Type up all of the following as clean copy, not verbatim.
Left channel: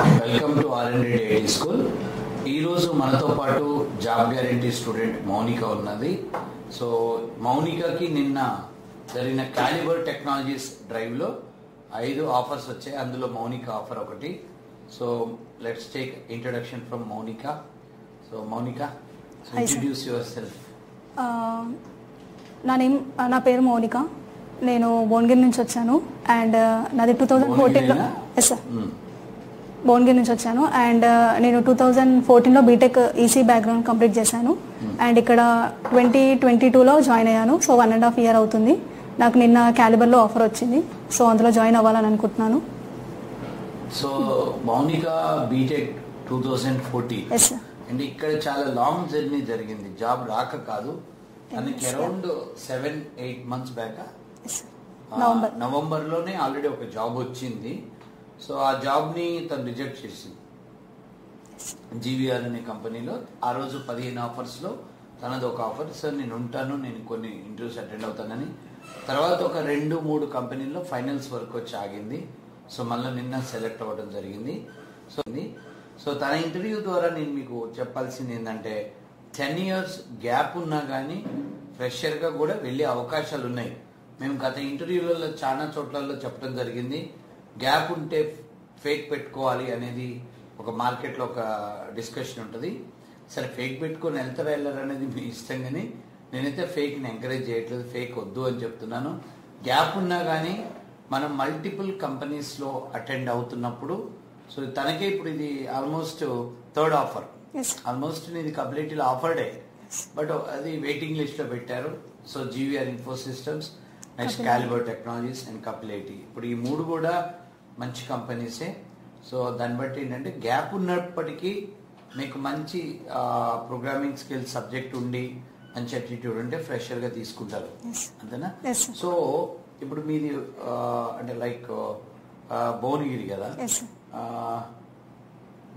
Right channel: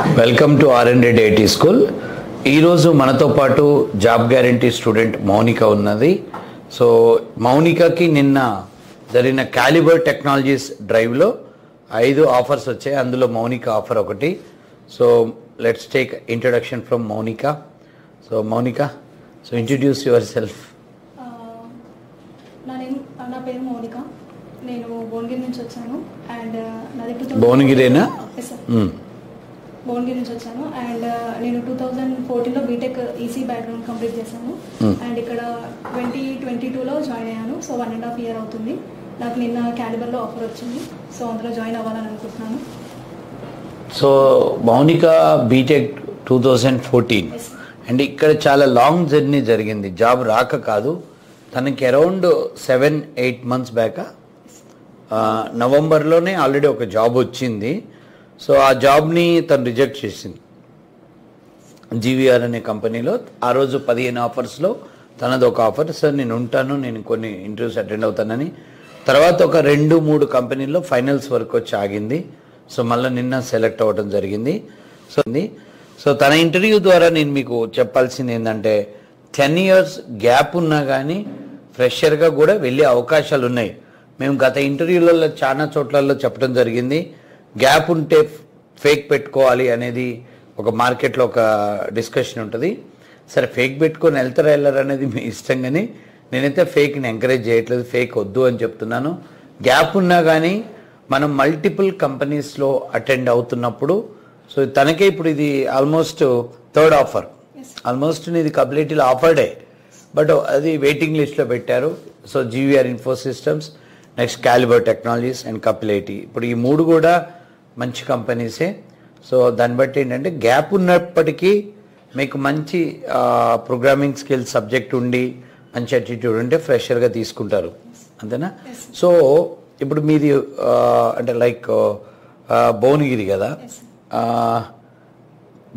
Welcome to R&D IT school. ఈరోజు మనతో పాటు జాబ్ గ్యారంటీ స్టూడెంట్ మౌనిక ఉన్నది. సో మౌనికకి నిన్న జరిగిన క్యాలిబర్ టెక్నాలజీస్ డ్రైవ్లో 5 ఆఫర్స్ వచ్చాయి. అందులో మౌనిక ఆఫర్ ఒకటి. So let's take introduction from Mounika. So Mounika, so introduce your self. నా పేరు మౌనిక. నేను భువనగిరి నుంచి వచ్చాను అండ్ నాది 2014 భువనగిరి నుంచి వచ్చాను అండ్ నేను 2014లో బీటెక్ ఈసీ బ్యాక్గ్రౌండ్ కంప్లీట్ చేశాను అండ్ ఇక్కడ 2022లో జాయిన్ అయ్యాను. సో 1.5 year అవుతుంది. నాకు నిన్న క్యాలిబర్లో ఆఫర్ వచ్చింది. సో అందులో జాయిన్ అవ్వాలని అనుకుంటున్నాను. సో మౌనిక బీటెక్ 2014 అండ్ ఇక్కడ చాలా లాంగ్ జర్నీ జరిగింది. జాబ్ రాక కాదు, తనకి అరౌండ్ 7-8 months బ్యాక్ నవంబర్లోనే ఆల్రెడీ ఒక జాబ్ వచ్చింది. సో ఆ జాబ్ని తను రిజెక్ట్ చేసింది జీవీఆర్ అనే కంపెనీలో. ఆ రోజు 15 ఆఫర్స్లో తనది ఒక ఆఫర్. సార్ నేను ఉంటాను, నేను కొన్ని ఇంటర్వ్యూస్ అటెండ్ అవుతానని. తర్వాత ఒక 2-3 కంపెనీల్లో ఫైనల్స్ వరకు వచ్చి ఆగింది. సో మళ్ళీ నిన్న సెలెక్ట్ అవ్వడం జరిగింది. సో తన ఇంటర్వ్యూ ద్వారా నేను మీకు చెప్పాల్సింది ఏంటంటే 10 years గ్యాప్ ఉన్నా కానీ ఫ్రెషర్గా కూడా వెళ్ళే అవకాశాలు ఉన్నాయి. మేము గత ఇంటర్వ్యూలలో చాలా చోట్లలో చెప్పడం జరిగింది, గ్యాప్ ఉంటే ఫేక్ పెట్టుకోవాలి అనేది ఒక మార్కెట్లో ఒక డిస్కషన్ ఉంటుంది. సరే ఫేక్ పెట్టుకొని వెళ్తారా వెళ్ళరు అనేది మీ ఇష్టం, కానీ నేనైతే ఫేక్ని ఎంకరేజ్ చేయట్లేదు, ఫేక్ వద్దు అని చెప్తున్నాను. గ్యాప్ ఉన్నా కానీ మనం మల్టిపుల్ కంపెనీస్లో అటెండ్ అవుతున్నప్పుడు, సో తనకే ఇప్పుడు ఇది ఆల్మోస్ట్ 3rd ఆఫర్. ఆల్మోస్ట్ ఇది కంప్లీట్లీ ఆఫర్డే, బట్ అది వెయిటింగ్ లిస్ట్లో పెట్టారు. So GVR info systems, next calibre technologies and Kapil IT. ఇప్పుడు ఈ 3 కూడా మంచి కంపెనీసే. సో దాన్ని బట్టి ఏంటంటే గ్యాప్ ఉన్నప్పటికీ మీకు మంచి ప్రోగ్రామింగ్ స్కిల్స్ సబ్జెక్ట్ ఉండి మంచి అటిట్యూడ్ ఉంటే ఫ్రెషర్గా తీసుకుంటారు, అంతేనా? సో ఇప్పుడు మీది అంటే లైక్ భువనగిరి కదా,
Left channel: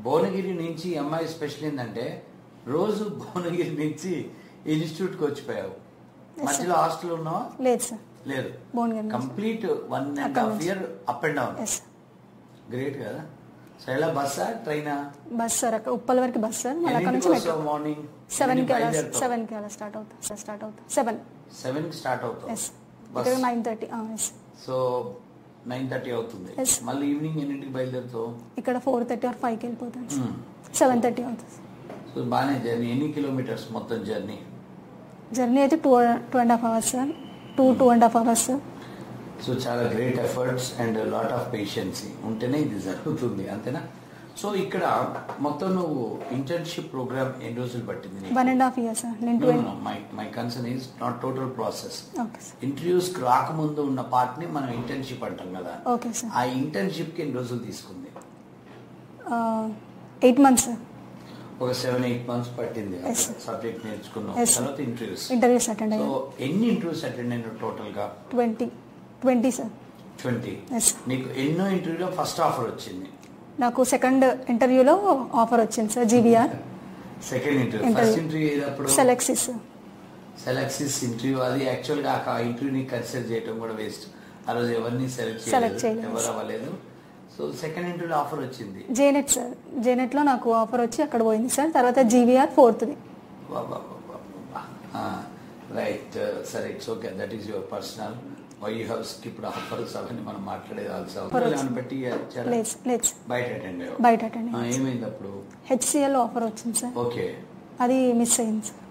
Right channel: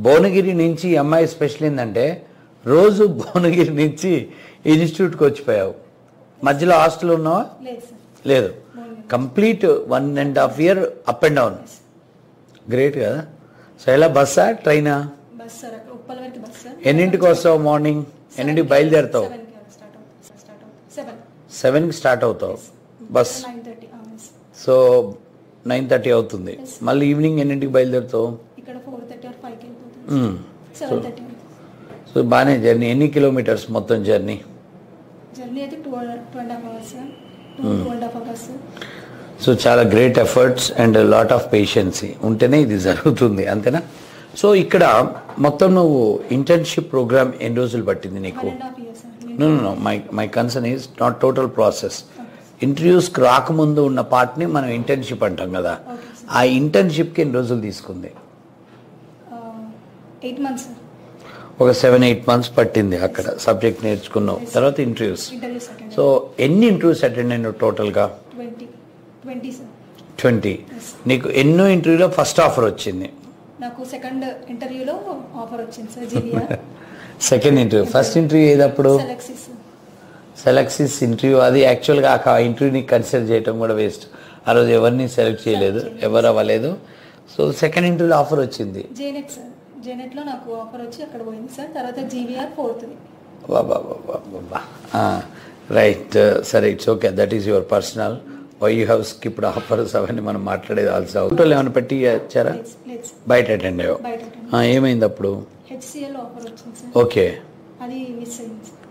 భువనగిరి నుంచి అమ్మాయి స్పెషల్ ఏంటంటే రోజు భువనగిరి నుంచి ఇన్స్టిట్యూట్కి వచ్చిపోయావు. మధ్యలో హాస్టల్ ఉన్నావా? లేదు, complete 1.5 year up and down. Great కదా. సో ఎలా బస్సా ట్రైనా? బస్ సార్, అక్కడ ఉప్పల్ వరకు బస్ సార్. ఎన్నింటికి వస్తావు? మార్నింగ్ ఎన్నింటికి బయలుదేరుతావు? 7కి స్టార్ట్ అవుతావు బస్. 9:30. సో 9:30 అవుతుంది. మళ్ళీ ఈవినింగ్ ఎన్నింటికి బయలుదేరుతావు? ఇక్కడ 4:30 or 5కి వెళ్ళిపోతాను. 7:30 అవుతుంది. సో బాగానే జర్నీ. ఎన్ని కిలోమీటర్స్ మొత్తం జర్నీ? జర్నీ అయితే 2.5 hours sir. 2.5 hours sir. So చాలా great efforts and lot of patience ఉంటేనే ఇది జరుగుతుంది, అంతేనా? సో ఇక్కడ మొత్తం నువ్వు ఇంటర్న్షిప్ ప్రోగ్రామ్ ఎన్ని రోజులు పట్టింది నీకు? 1.5 years sir. No my concern is not total process. ఇంటర్వ్యూస్కి రాకముందు ఉన్న పార్ట్ని మనం ఇంటర్న్షిప్ అంటాం కదా, ఆ ఇంటర్న్షిప్కి ఎన్ని రోజులు తీసుకుంది? 8 months సార్. ఒక 7-8 months పట్టింది అక్కడ సబ్జెక్ట్ నేర్చుకున్నావు. తర్వాత ఇంటర్వ్యూస్. సో ఎన్ని ఇంటర్వ్యూస్ అటెండ్ అయినావు టోటల్గా? 20 సార్. 20. నీకు ఎన్నో ఇంటర్వ్యూలో ఫస్ట్ ఆఫర్ వచ్చింది? నాకు సెకండ్ ఇంటర్వ్యూలో ఆఫర్ వచ్చింది sir, GVR. Second interview. First interview ఏదప్పుడు? Selexis interview. అది యాక్చువల్గా ఆ ఇంటర్వ్యూని కన్సిడర్ చేయడం కూడా వేస్ట్. ఆ రోజు ఎవరిని సెలెక్ట్ చేయలేదు, ఎవరు అవ్వలేదు. సో సెకండ్ ఇంటర్వ్యూలో ఆఫర్ వచ్చింది జేనెట్ సార్. జేనెట్లో నాకు ఆఫర్ వచ్చి అక్కడ పోయింది సార్. తర్వాత జీవీఆర్ 4th. రైట్. సరే, it's okay, that is your personal. Why you have skipped offers అవన్నీ మనం మాట్లాడేది. ఆల్సో ఏమైనా పెట్టి ఇచ్చారా? బయట అటెండ్ అయ్యావు. ఏమైంది అప్పుడు? హెచ్సిఎల్ ఆఫర్ వచ్చింది సార్. ఓకే, అది మిస్ అయింది సార్.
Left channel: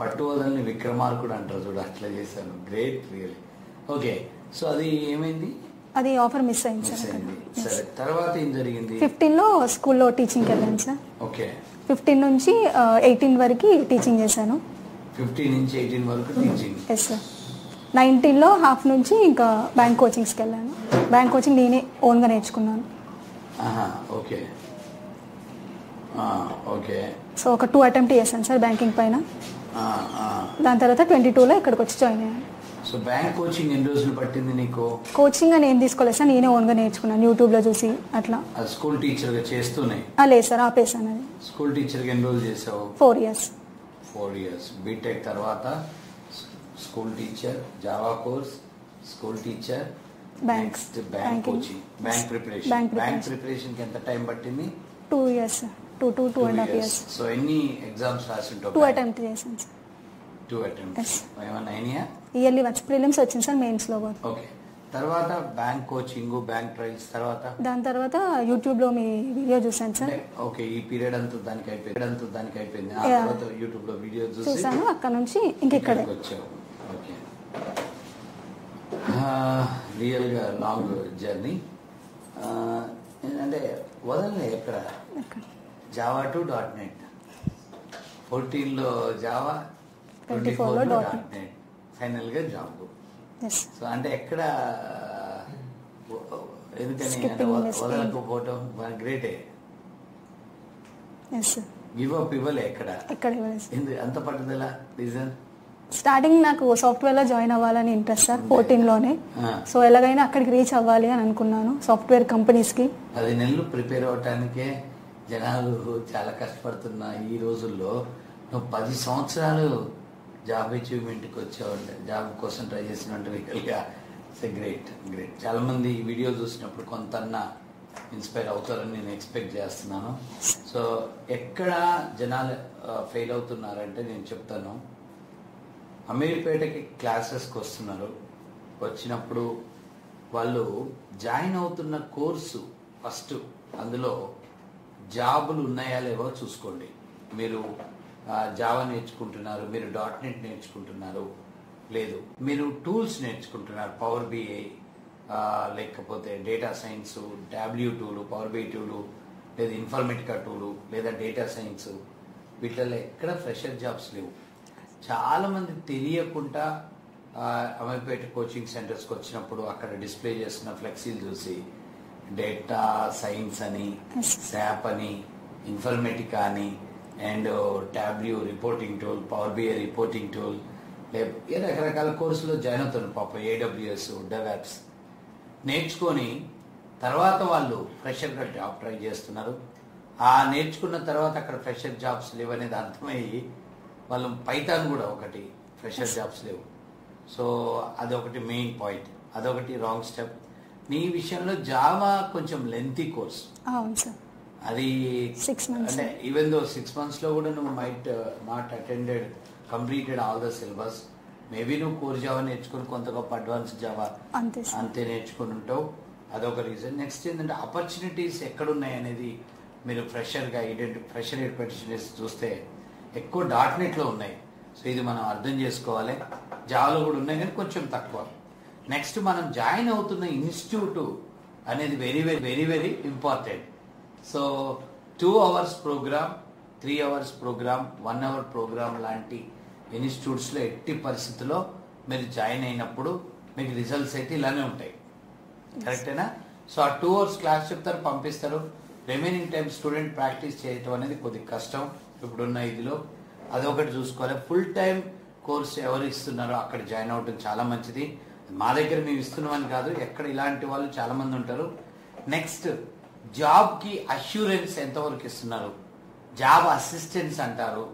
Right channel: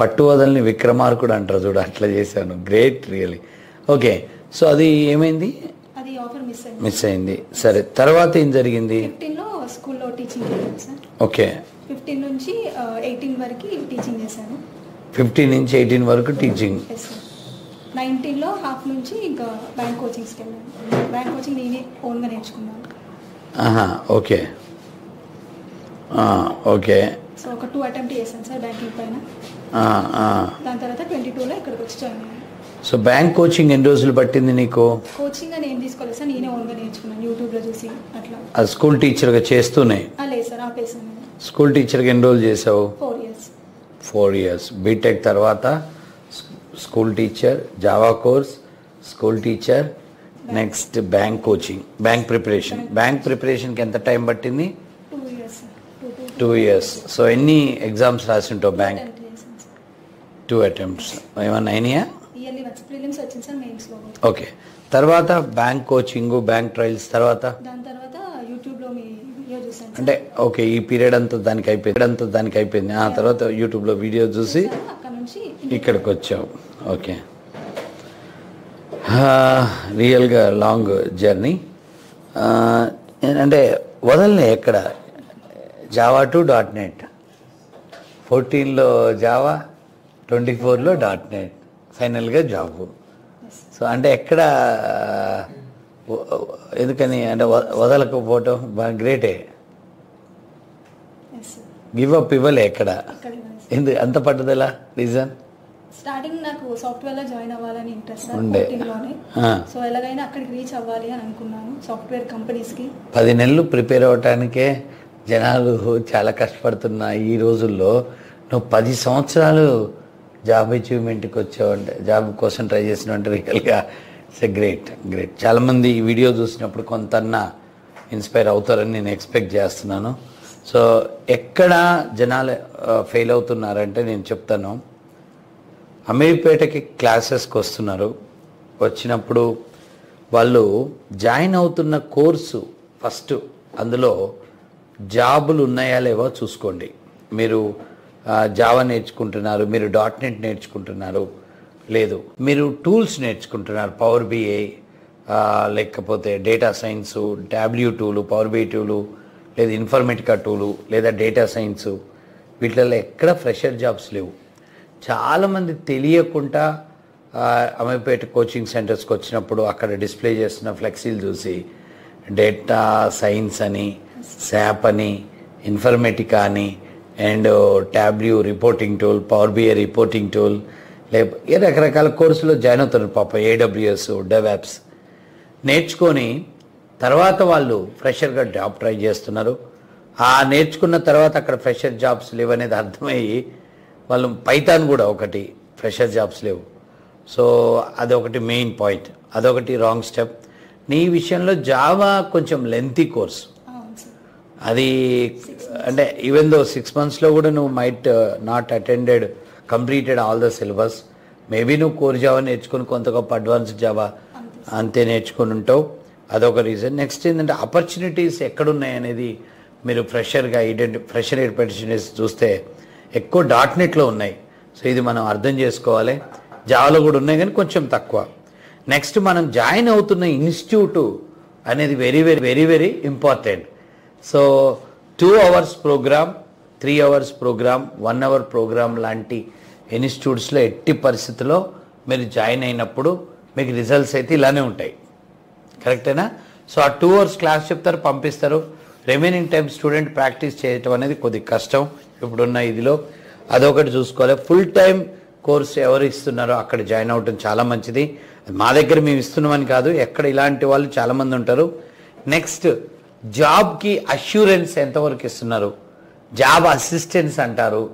పట్టు వదలని విక్రమార్కుడు అంటారు చూడు, అట్లా చేశాను. Great, really. ఓకే, సో అది ఏమైంది? అది ఆఫర్ మిస్ అయింది. సరే, తర్వాత ఏం జరిగింది? 15లో స్కూల్లో టీచింగ్కి వెళ్ళాను సార్. ఓకే, 15 నుంచి 18 వరకు టీచింగ్ చేశాను. 15 నుంచి 18 వరకు టీచింగ్. Yes sir. 19లో హాఫ్ నుంచి ఇంకా బ్యాంక్ కోచింగ్స్కి వెళ్ళాను. బ్యాంక్ కోచింగ్ నేనే ఓన్గా నేర్చుకున్నాను. Okay okay. సో ఒక 2 అటెంప్ట్ చేశాను సార్ బ్యాంకింగ్ పైన. దాని తర్వాత 22లో ఇక్కడికి వచ్చి జాయిన్ అయ్యాను. సో బ్యాంక్ కోచింగ్ ఎన్ని రోజులు పట్టింది నీకు? కోచింగ్ అని ఏం తీసుకోలేదు సార్, నేనే ఓన్గా నేర్చుకున్నాను యూట్యూబ్లో చూసి అట్లా. అది స్కూల్ టీచర్గా చేస్తూనే? లేదు సార్, ఆపేసాను. స్కూల్ టీచర్గా ఎన్ని రోజులు చేసావు? 4 years. 4 years. బీటెక్ తర్వాత school teacher, Java course, school teacher, next bank coaching, bank preparation. Bank ప్రిపరేషన్కి ఎంత టైం పట్టింది? 2 years. 2 years. సో ఎన్ని ఎగ్జామ్స్ రాసి ఉంటావు? బ్యాంక్ attempt చేశాను సార్. 2 attempts. ఏమన్నా అయినాయా? ఇయర్లీ వన్స్ ప్రిలిమ్స్ వచ్చింది సార్, మెయిన్స్లో కూడా. ఓకే. తర్వాత బ్యాంక్ కోచింగ్, బ్యాంక్ ట్రయల్స్, తర్వాత దాని తర్వాత యూట్యూబ్లో మీ వీడియో చూసాను సార్. అంటే ఓకే, ఈ పీరియడ్ అంతా దానికి అయిపోయింది. ఆ తర్వాత యూట్యూబ్లో వీడియో చూసి అక్కడ నుంచి ఇక్కడికి వచ్చావు. ఓకే, రియల్గా లాంగ్ జర్నీ. అంటే వదలనే ఎక్కడ జావా టు .NET, 14లో జావా, 24లో .NET, ఫైనల్గా జాబ్. సో అంటే ఎక్కడ ఎందుకని అంటే వదలకపోవటం బాగా గ్రేటే. గివ్ అప్ ఇవ్వలే ఎక్కడ, ఎందుకు అంత పట్టుదల? రీజన్? స్టార్టింగ్ నాకు సాఫ్ట్వేర్ లో జాయిన్ అవ్వాలని ఇంట్రెస్ట్ సార్, 14లోనే. సో ఎలాగైనా అక్కడికి రీచ్ అవ్వాలి అని అనుకున్నాను, సాఫ్ట్వేర్ కంపెనీస్ కి. 10 నెలలు ప్రిపేర్ అవటానికే జనాలు చాలా కష్టపడుతున్నా ఈ రోజుల్లో నువ్వు 10 సంవత్సరాలు జాబ్ అచీవ్మెంట్కి వచ్చావంటే, జాబ్ కోసం ట్రై చేసినట్టు రియల్గా ఇట్స్ గ్రేట్. చాలామంది ఈ వీడియో చూసినప్పుడు కొంతన్నా ఇన్స్పైర్ అవుతారని నేను ఎక్స్పెక్ట్ చేస్తున్నాను. సో ఎక్కడ జనాలు ఫెయిల్ అవుతున్నారంటే నేను చెప్తాను, అమీర్పేటకి క్లాసెస్కి వస్తున్నారు. వచ్చినప్పుడు వాళ్ళు జాయిన్ అవుతున్న కోర్సు ఫస్ట్ అందులో జాబులు ఉన్నాయా లేవో చూసుకోండి. మీరు జావా నేర్చుకుంటున్నారు, మీరు .NET నేర్చుకుంటున్నారు, లేదు మీరు టూల్స్ నేర్చుకుంటున్నారు, పవర్ BI లేకపోతే data science, Tableau tool, power BI tool, లేదా ఇన్ఫర్మేటికా టూలు, లేదా డేటా సైన్సు, వీటిల్లో ఎక్కడ ఫ్రెషర్ జాబ్స్ లేవు. చాలామంది తెలియకుండా అమీర్పేట కోచింగ్ సెంటర్స్కి వచ్చినప్పుడు అక్కడ డిస్ప్లే చేస్తున్న ఫ్లెక్సీలు చూసి డేటా సైన్స్ అని, శాప్ అని, ఇన్ఫర్మేటికా అని, and Tableau reporting tool, power BI reporting tool, లేకపోతే రకరకాల కోర్సులో జాయిన్ అవుతున్నారు పాప. AWS, DevOps నేర్చుకొని తర్వాత వాళ్ళు ఫ్రెషర్గా జాబ్ ట్రై చేస్తున్నారు. ఆ నేర్చుకున్న తర్వాత అక్కడ ఫ్రెషర్ జాబ్స్ లేవనేది అర్థమయ్యి వాళ్ళు పైథాన్ కూడా ఒకటి ఫ్రెషర్ జాబ్స్ లేవు. సో అదొకటి మెయిన్ పాయింట్, అదొకటి రాంగ్ స్టెప్. నీ విషయంలో జావా కొంచెం లెంతీ కోర్స్, అది అంటే ఈవెన్ దో 6 monthsలో కూడా నువ్వు might not completed all the syllabus. Maybe నువ్వు కోర్ జావా నేర్చుకుని కొంత గొప్ప అడ్వాన్స్డ్ జావా అంతే నేర్చుకుని ఉంటావు, అదొక రీజన్. నెక్స్ట్ ఏంటంటే ఆపర్చునిటీస్ ఎక్కడున్నాయి అనేది మీరు ఫ్రెషర్ ఆపర్చునిటీస్ చూస్తే ఎక్కువ .NETలో ఉన్నాయి. సో ఇది మనం అర్థం చేసుకోవాలి. జావాలో కూడా ఉన్నాయి కానీ కొంచెం తక్కువ. నెక్స్ట్ మనం జాయిన్ అవుతున్న ఇన్స్టిట్యూట్ అనేది very very very very important. So 2 hours programme, 3 hours programme, 1 hour programme లాంటి ఇన్స్టిట్యూట్స్లో ఎట్టి పరిస్థితుల్లో మీరు జాయిన్ అయినప్పుడు మీకు రిజల్ట్స్ అయితే ఇలానే ఉంటాయి. కరెక్టేనా? సో ఆ 2 hours క్లాస్ చెప్తారు, పంపిస్తారు. రిమైనింగ్ టైం స్టూడెంట్ ప్రాక్టీస్ చేయటం అనేది కొద్దిగా కష్టం ఇప్పుడున్న ఇదిలో. అదొకటి చూసుకోవాలి. ఫుల్ టైం కోర్స్ ఎవరు ఇస్తున్నారో అక్కడ జాయిన్ అవ్వటం చాలా మంచిది. మా దగ్గర మేము ఇస్తున్నామని కాదు, ఎక్కడ ఇలాంటి వాళ్ళు చాలామంది ఉంటారు. నెక్స్ట్ జాబ్కి అష్యూరెన్స్ ఎంతవరకు ఇస్తున్నారు? జాబ్ అసిస్టెన్స్ అంటారు.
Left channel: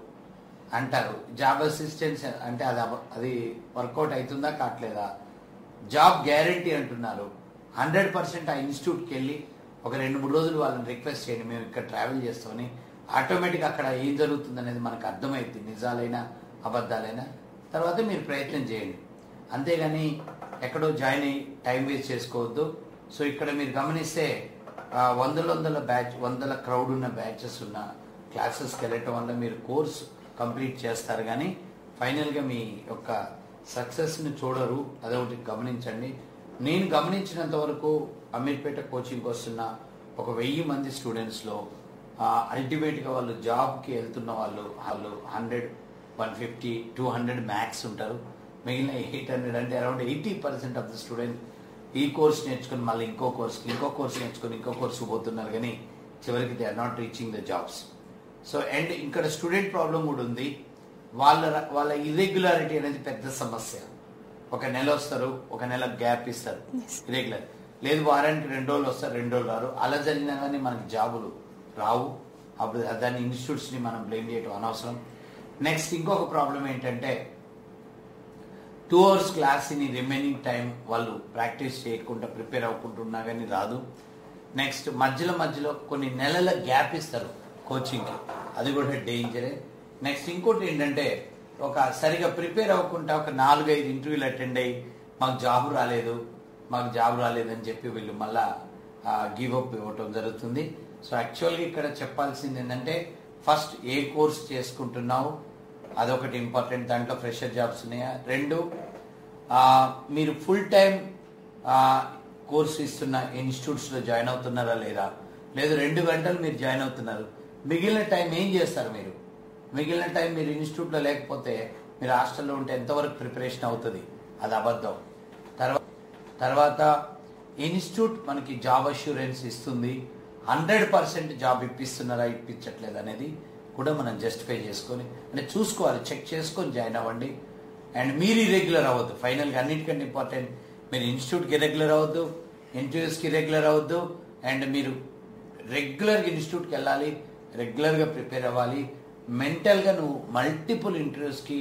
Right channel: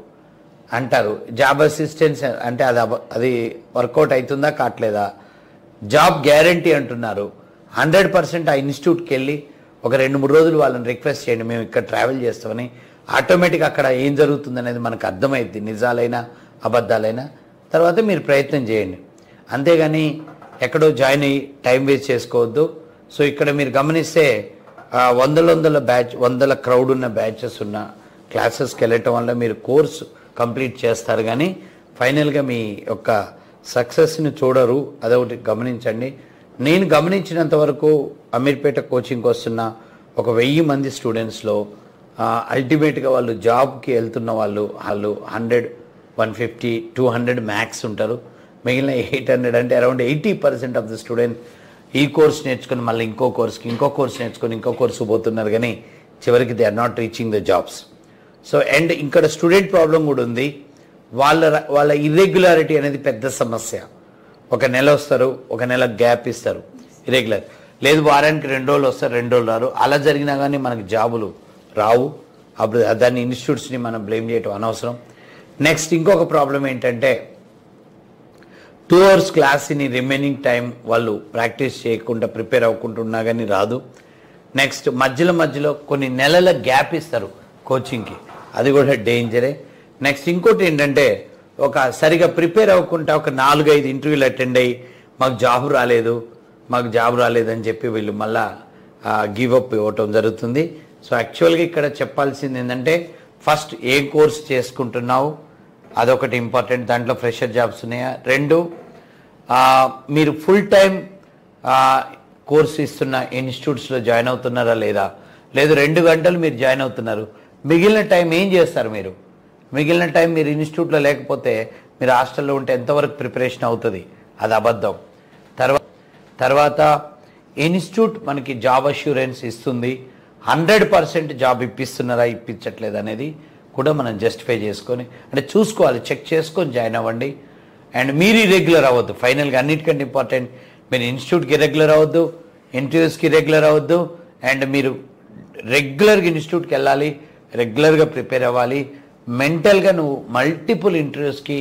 జాబ్ అసిస్టెన్స్ అంటే అది వర్కౌట్ అవుతుందా కావట్లేదా? జాబ్ గ్యారంటీ అంటున్నారు. 100% ఆ ఇన్స్టిట్యూట్కి వెళ్ళి ఒక 2-3 రోజులు వాళ్ళని రిక్వెస్ట్ చేయండి, మేము ఇక్కడ ట్రావెల్ చేస్తామని. ఆటోమేటిక్గా అక్కడ ఏం జరుగుతుంది అనేది మనకు అర్థమైద్ది, నిజాలైనా అబద్ధాలైనా. తర్వాత మీరు ప్రయత్నం చేయండి, అంతేగాని ఎక్కడో జాయిన్ అయ్యి టైం వేస్ట్ చేసుకోవద్దు. సో ఇక్కడ మీరు గమనిస్తే వందల క్రౌడ్ ఉన్న బ్యాచెస్ ఉన్న క్లాసెస్కి వెళ్ళటం వల్ల మీరు కోర్సు కంప్లీట్ చేస్తారు, కానీ ఫైనల్గా మీ యొక్క సక్సెస్ని చూడరు. అదొకటి గమనించండి. నేను గమనించినంత వరకు అమీర్పేట కోచింగ్కి వస్తున్న ఒక 1000 మంది స్టూడెంట్స్లో అల్టిమేట్గా వాళ్ళు జాబ్కి వెళ్తున్న వాళ్ళు 100, 150, 200 మ్యాక్స్ ఉంటారు. మిగిలిన 800 అంటే అరౌండ్ 80% ఆఫ్ ద స్టూడెంట్ ఈ కోర్స్ నేర్చుకుని మళ్ళీ ఇంకో కోర్స్ నేర్చుకొని ఇంకో కోర్సు పోతున్నారు, కానీ చివరికి they are not reaching the jobs. So and ఇక్కడ స్టూడెంట్ ప్రాబ్లం కూడా ఉంది. వాళ్ళ ఇర్రెగ్యులారిటీ అనేది పెద్ద సమస్య. ఒక నెల వస్తారు, ఒక నెల గ్యాప్ ఇస్తారు, ఇర్రెగ్యులర్. లేదు వారానికి 2 రోజులు వస్తారు, 2 రోజులు రారు. అలా జరిగినా కానీ మనకి జాబులు రావు. అప్పుడు దాన్ని ఇన్స్టిట్యూట్స్ని మనం బ్లేమ్ చేయటం అనవసరం. నెక్స్ట్ ఇంకొక ప్రాబ్లం ఏంటంటే 2 hours క్లాస్ని రిమైనింగ్ టైం వాళ్ళు ప్రాక్టీస్ చేయకుండా ప్రిపేర్ అవ్వకుంటున్నా కానీ రాదు. నెక్స్ట్ మధ్యలో కొన్ని నెలల గ్యాప్ ఇస్తారు కోచింగ్కి, అది కూడా డేంజరే. నెక్స్ట్ ఇంకోటి ఏంటంటే ఒక సరిగా ప్రిపేర్ అవ్వకుండా ఒక 4-5 ఇంటర్వ్యూలు అటెండ్ అయ్యి మాకు జాబ్ రాలేదని చెప్పి వీళ్ళు మళ్ళా గివప్ ఇవ్వటం జరుగుతుంది. సో యాక్చువల్గా ఇక్కడ చెప్పాల్సింది ఏంటంటే ఫస్ట్ ఏ కోర్స్ చేసుకుంటున్నావు అదొకటి ఇంపార్టెంట్, దాంట్లో ఫ్రెషర్ జాబ్స్ ఉన్నాయా. 2 మీరు ఫుల్ టైం కోర్స్ ఇస్తున్న ఇన్స్టిట్యూట్స్లో జాయిన్ అవుతున్నారా లేదా, లేదు 2 గంటలు మీరు జాయిన్ అవుతున్నారు, మిగిలిన టైం ఏం చేస్తారు మీరు? మిగిలిన టైం మీరు ఇన్స్టిట్యూట్లో లేకపోతే మీరు హాస్టల్లో ఉంటే ఎంతవరకు ప్రిపరేషన్ అవుతుంది? అది అబద్ధం. తర్వాత ఇన్స్టిట్యూట్ మనకి జాబ్ అష్యూరెన్స్ ఇస్తుంది, 100% జాబ్ ఇప్పిస్తున్నారా ఇప్పించట్లేదు అనేది కూడా మనం జస్టిఫై చేసుకొని అంటే చూసుకోవాలి, చెక్ చేసుకొని జాయిన్ అవ్వండి. అండ్ మీరు ఇర్రెగ్యులర్ అవ్వద్దు. ఫైనల్గా అన్నిటికంటే ఇంపార్టెంట్, మీరు ఇన్స్టిట్యూట్కి ఇర్రెగ్యులర్ అవ్వద్దు, ఇంటర్వ్యూస్కి ఇర్రెగ్యులర్ అవ్వద్దు, అండ్ మీరు రెగ్యులర్గా ఇన్స్టిట్యూట్కి వెళ్ళాలి, రెగ్యులర్గా ప్రిపేర్ అవ్వాలి. మెంటల్గా నువ్వు మల్టిపుల్ ఇంటర్వ్యూస్కి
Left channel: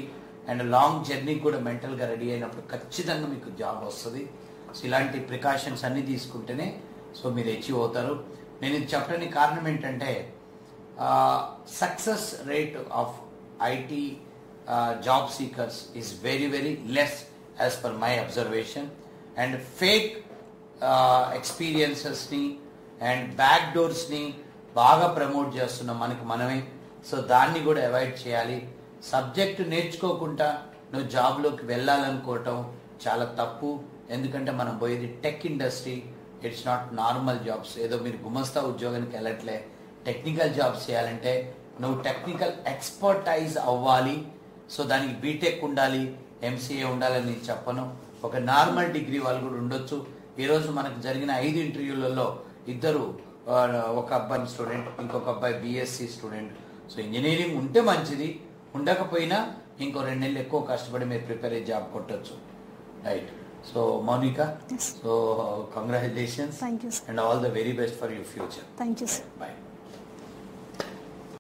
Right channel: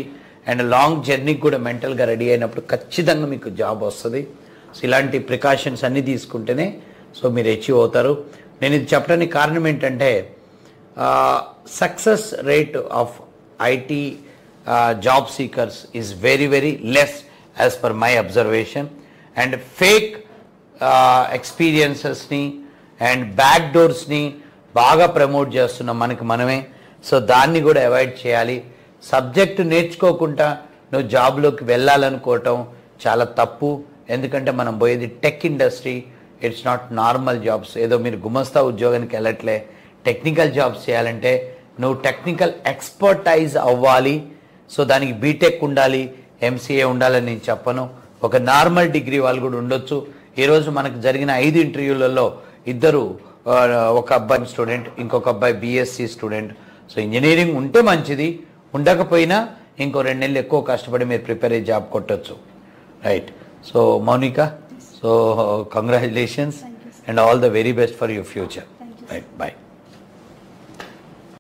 అండ్ లాంగ్ జర్నీకి కూడా మెంటల్గా రెడీ అయినప్పుడు ఖచ్చితంగా మీకు జాబ్ వస్తుంది. సో ఇలాంటి ప్రికాషన్స్ అన్నీ తీసుకుంటేనే సో మీరు అచీవ్ అవుతారు. నేను ఇది చెప్పడానికి కారణం ఏంటంటే success rate of IT job seekers is very less as per my observation. And fake ఎక్స్పీరియన్సెస్ని అండ్ బ్యాక్ డోర్స్ని బాగా ప్రమోట్ చేస్తున్నాం మనమే. సో దాన్ని కూడా అవాయిడ్ చేయాలి. సబ్జెక్టు నేర్చుకోకుండా నువ్వు జాబ్లోకి వెళ్ళాలనుకోవటం చాలా తప్పు. ఎందుకంటే మనం పోయేది tech industry, it's not normal jobs. ఏదో మీరు గుమస్తా ఉద్యోగానికి వెళ్ళట్లే, టెక్నికల్ జాబ్స్ చేయాలంటే నువ్వు టెక్నికల్ ఎక్స్పర్టైజ్ అవ్వాలి. సో దానికి బీటెక్ ఉండాలి, ఎంసీఏ ఉండాలని నేను చెప్పను. ఒక నార్మల్ డిగ్రీ వాళ్ళు కూడా ఉండొచ్చు. ఈరోజు మనకు జరిగిన 5 ఇంటర్వ్యూలలో 2 ఒక అబ్బాయి స్టూడెంట్, ఇంకొక అబ్బాయి బీఎస్సీ స్టూడెంట్. సో ఇంజనీరింగ్ ఉంటే మంచిది, ఉండకపోయినా ఇంకో 2 నెలలు ఎక్కువ కష్టపడి మీరు ప్రిపేర్ అయ్యి జాబ్ కొట్టచ్చు, right? So Monica, so congratulations and all the very best for your future. Thank you. Right, bye.